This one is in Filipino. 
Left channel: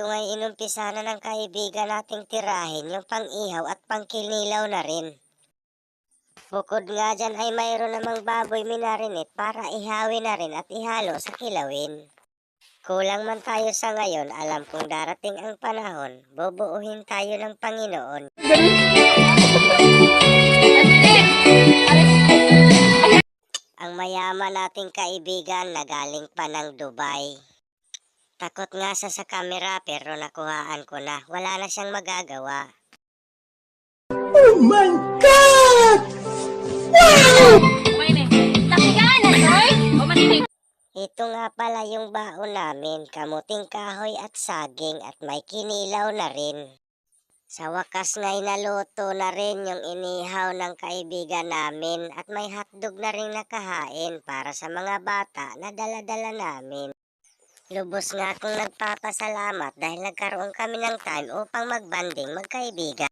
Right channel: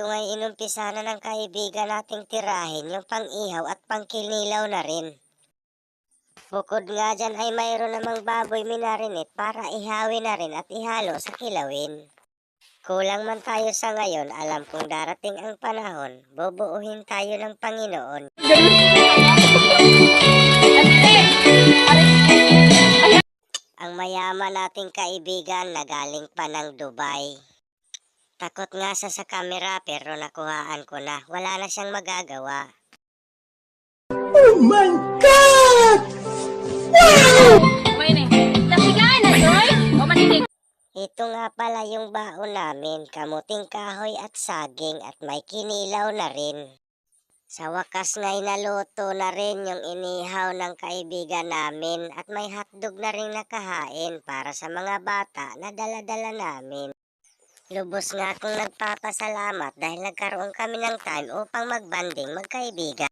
Ito nga'y inumpisa na ng kaibigan nating tirahin yung pang-ihaw at pangkinilaw na rin. Bukod nga dyan ay mayroon namang baboy minarinate para ihawin na rin at ihalo sa kilawin. Kulang man tayo sa ngayon, alam kong darating ang panahon, bubuuhin tayo ng Panginoon. Ang mayaman nating kaibigan na galing pa ng Dubai. Takot nga sa kamera pero nakuhaan ko na, wala na siyang magagawa. Oh my God! Ito nga pala yung baon namin, kamuting kahoy at saging at may kinilaw na rin. Sa wakas nga'y naluto na rin yung inihaw ng kaibigan namin at may hotdog na rin nakahain para sa mga bata na dala-dala namin. Lubos nga akong nagpapasalamat dahil nagkaroon kami ng time upang magbanding magkaibigan.